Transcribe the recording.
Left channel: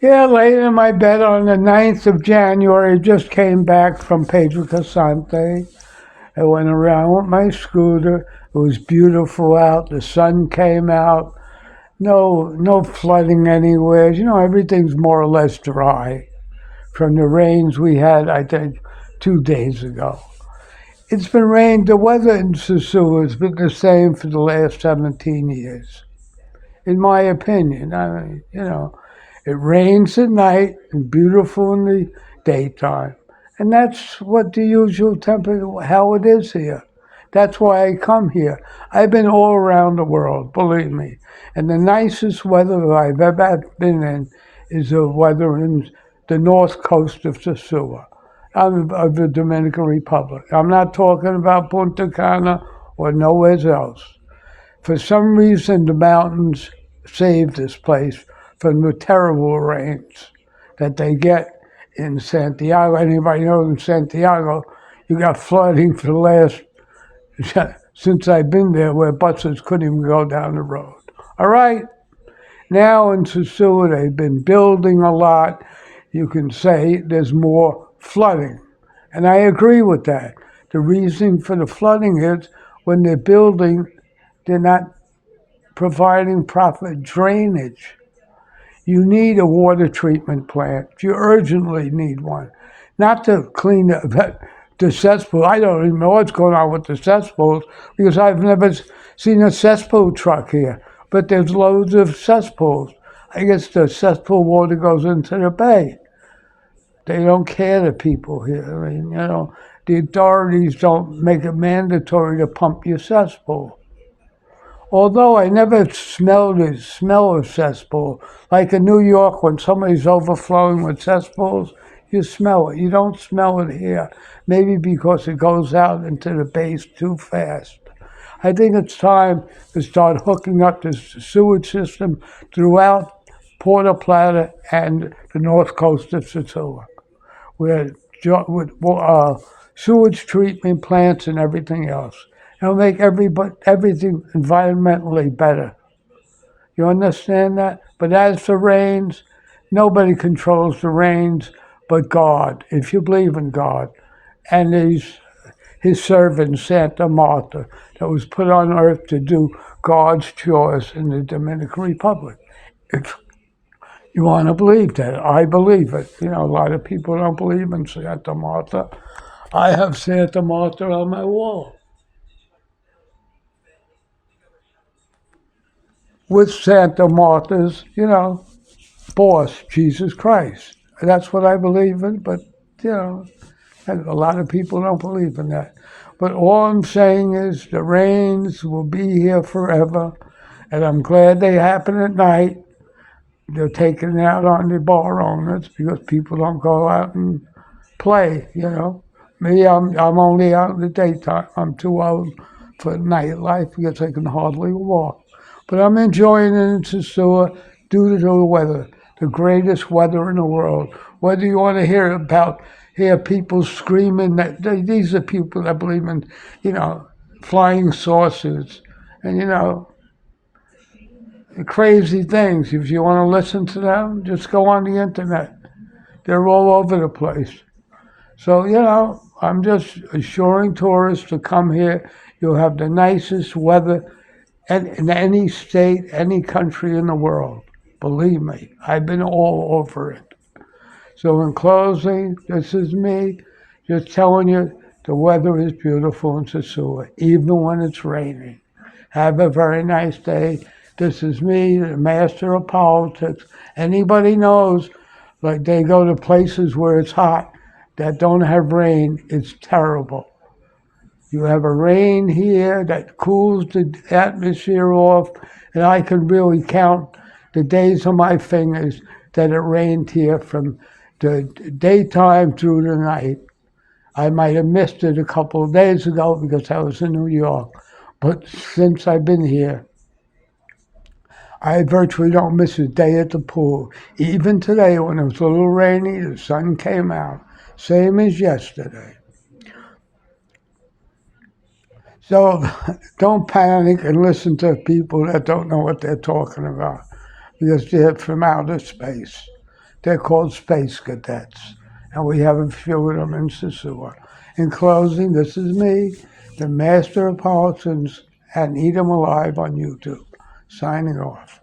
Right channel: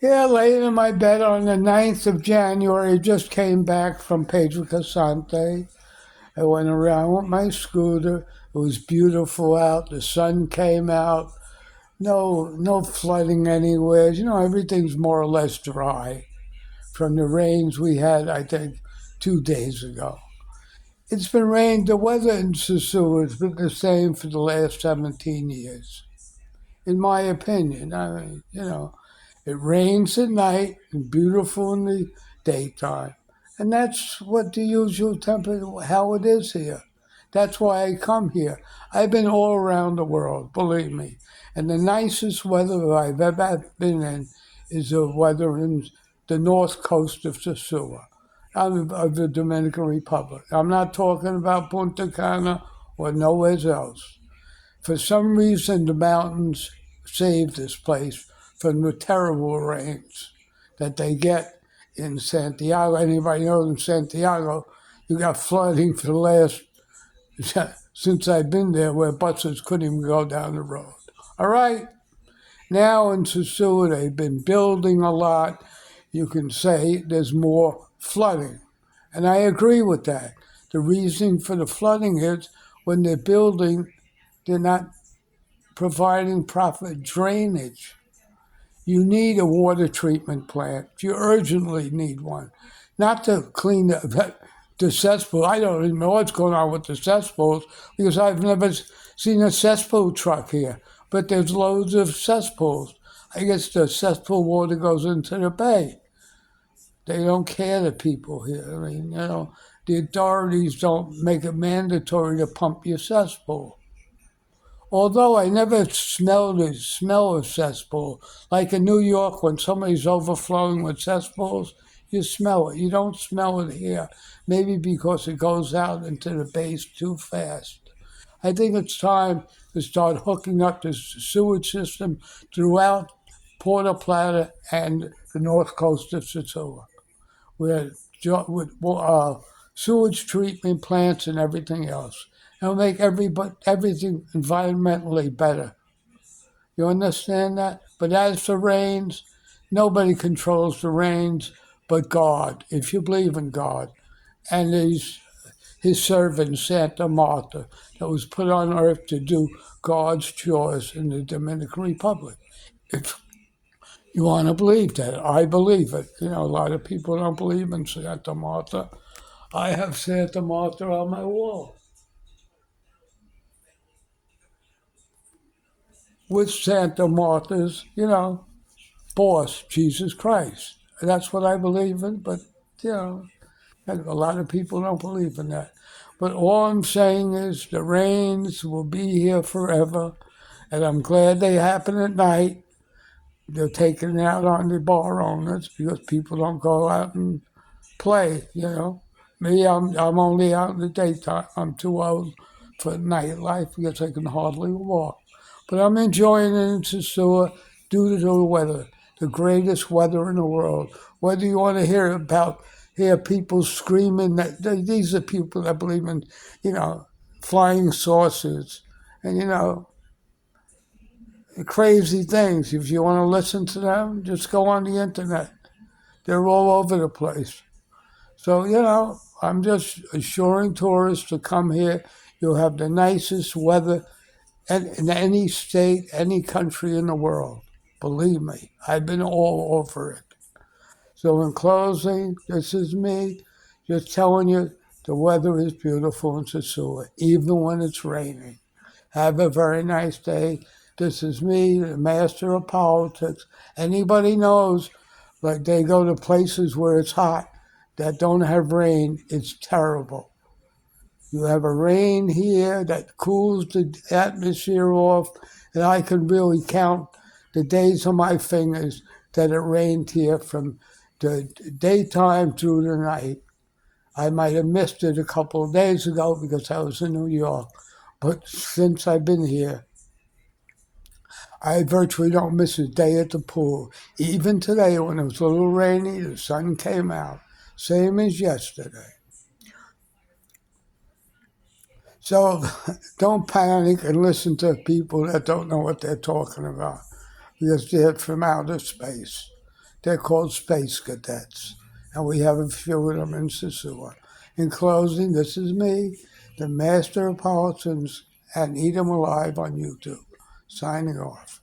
Yeah, laying in my bed on the 9th of January, just came back from Pedro Casante. I went around with my scooter. It was beautiful out. The sun came out. No flooding anywhere. Everything's more or less dry from the rains we had, I think, 2 days ago. It's been rain. The weather in Sosua has been the same for the last 17 years, in my opinion. I mean, it rains at night and beautiful in the daytime. And that's what the usual temperature, how it is here. That's why I come here. I've been all around the world, believe me. And the nicest weather I've ever been in is the weather in the north coast of Sosua, of the Dominican Republic. I'm not talking about Punta Cana or nowhere else. For some reason, the mountains saved this place from the terrible rains that they get in Santiago. Anybody knows in Santiago, you got flooding for the last, since I've been there, where buses couldn't even go down the road. All right, now in Sosua, they've been building a lot. You can say there's more flooding. And I agree with that. The reason for the flooding is when they're building, they're not providing proper drainage. You need a water treatment plant. You urgently need one. Not to clean the cesspool. I don't even know what's going on with the cesspools because I've never seen a cesspool truck here. But there's loads of cesspools. I guess the cesspool water goes into the bay. They don't care, the people here. I mean, the authorities don't make it mandatory to pump your cesspool. Although I never smelled the smell of cesspool. Like in New York, when somebody's overflowing with cesspools, you smell it. You don't smell it here. Maybe because it goes out into the base too fast. I think it's time to start hooking up the sewage system throughout Puerto Plata and the north coast of Sosua, with sewage treatment plants and everything else. It'll make everything environmentally better. You understand that? But as for rains, nobody controls the rains but God, if you believe in God. And his servant, Santa Marta, that was put on earth to do God's chores in the Dominican Republic. If you want to believe that, I believe it. A lot of people don't believe in Santa Marta. I have Santa Marta on my wall with Santa Marta's, boss, Jesus Christ. That's what I believe in, but, you know, a lot of people don't believe in that. But all I'm saying is the rains will be here forever, and I'm glad they happen at night. They're taking it out on the bar owners because people don't go out and play. Me, I'm only out in the daytime. I'm too old for nightlife because I can hardly walk. But I'm enjoying it in Sosua due to the weather, the greatest weather in the world. Whether you want to hear people screaming these are people that believe in, flying saucers and crazy things. If you want to listen to them, just go on the internet. They're all over the place. So, I'm just assuring tourists to come here. You'll have the nicest weather in any state, any country in the world. Believe me, I've been all over it. So, in closing, this is me just telling you the weather is beautiful in Sosua, even when it's raining. Have a very nice day. This is me, the master of politics. Anybody knows, like they go to places where it's hot that don't have rain, it's terrible. You have a rain here that cools the atmosphere off, and I can really count the days on my fingers that it rained here from the daytime through the night. I might have missed it a couple of days ago because I was in New York, but since I've been here, I virtually don't miss a day at the pool. Even today, when it was a little rainy, the sun came out, same as yesterday. So don't panic and listen to people that don't know what they're talking about because they're from outer space. They're called Space Cadets, and we have a few of them in Sosua. In closing, this is me, the Master of Politics, and Eat 'em Alive on YouTube, signing off.